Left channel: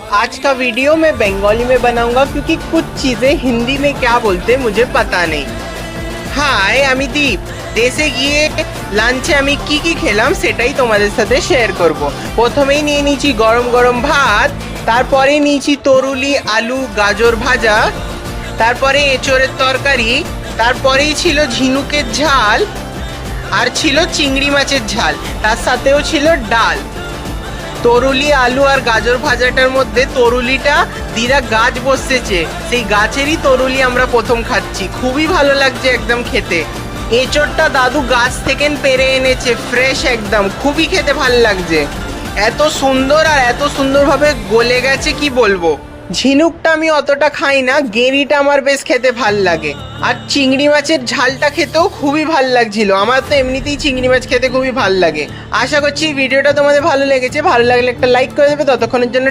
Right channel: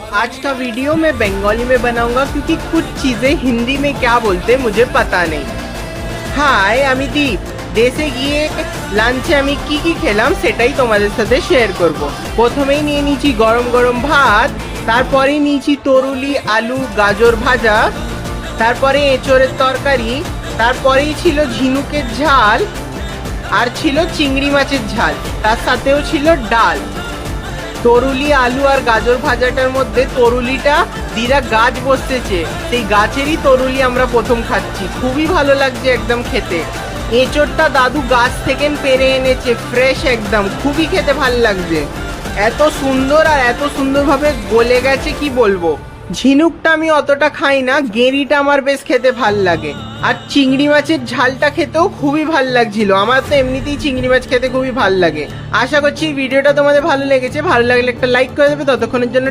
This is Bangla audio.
आज का वीडियो मैं बंगाली में बनाऊंगा क्योंकि कुछ चीजें हिंदी में क्या बोलते मुझे पता नहीं। হাই, আমি দীপ। দেশে গিয়ে লাঞ্চে আমি কি কি খেলাম সেটাই তোমাদের সাথে শেয়ার করব। প্রথমেই নিয়ে নিয়েছি গরম গরম ভাত, তারপরে নিয়েছি তরুলি আলু গাজর ভাজা, তারপরে এঁচোড়ের তরকারি, তারপরেই ছিল ঝিনুকের ঝাল, আর ছিল চিংড়ি মাছের ঝাল, তার সাথেও ছিল ডাল। তরুলি আলু আর গাজর ভাজাটার মধ্যে তরুলিটা দিদা গাছ বসেছে, সেই গাছেরই তরুলি আমরা প্রথম খাচ্ছি, খুবই ভালো লাগছে একদম খেতে। এঁচোড়টা দাদু গাছ থেকে পেরে এনেছে, ফ্রেশ একদম, খুবই খেতে ভালো লাগছে। এত সুন্দর আর এত সুন্দরভাবে গলে গেছে কি বলবো। ঝিনুকটা আমি অতটা খাই না, গেঁড়িটা আমার বেশ খেতে ভাল লাগে। আর চিংড়ি মাছের ঝালটা খেতেও খুবই ভাল লাগছিল। আমার তো এমনিতেই চিংড়ি মাছ খেতে খুবই ভাল লাগে। আশা করছি ভিডিওটা তোমাদের ভালো লেগেছে। ভালো লাগলে একটা লাইক করে দেবে। ততক্ষণের জন্য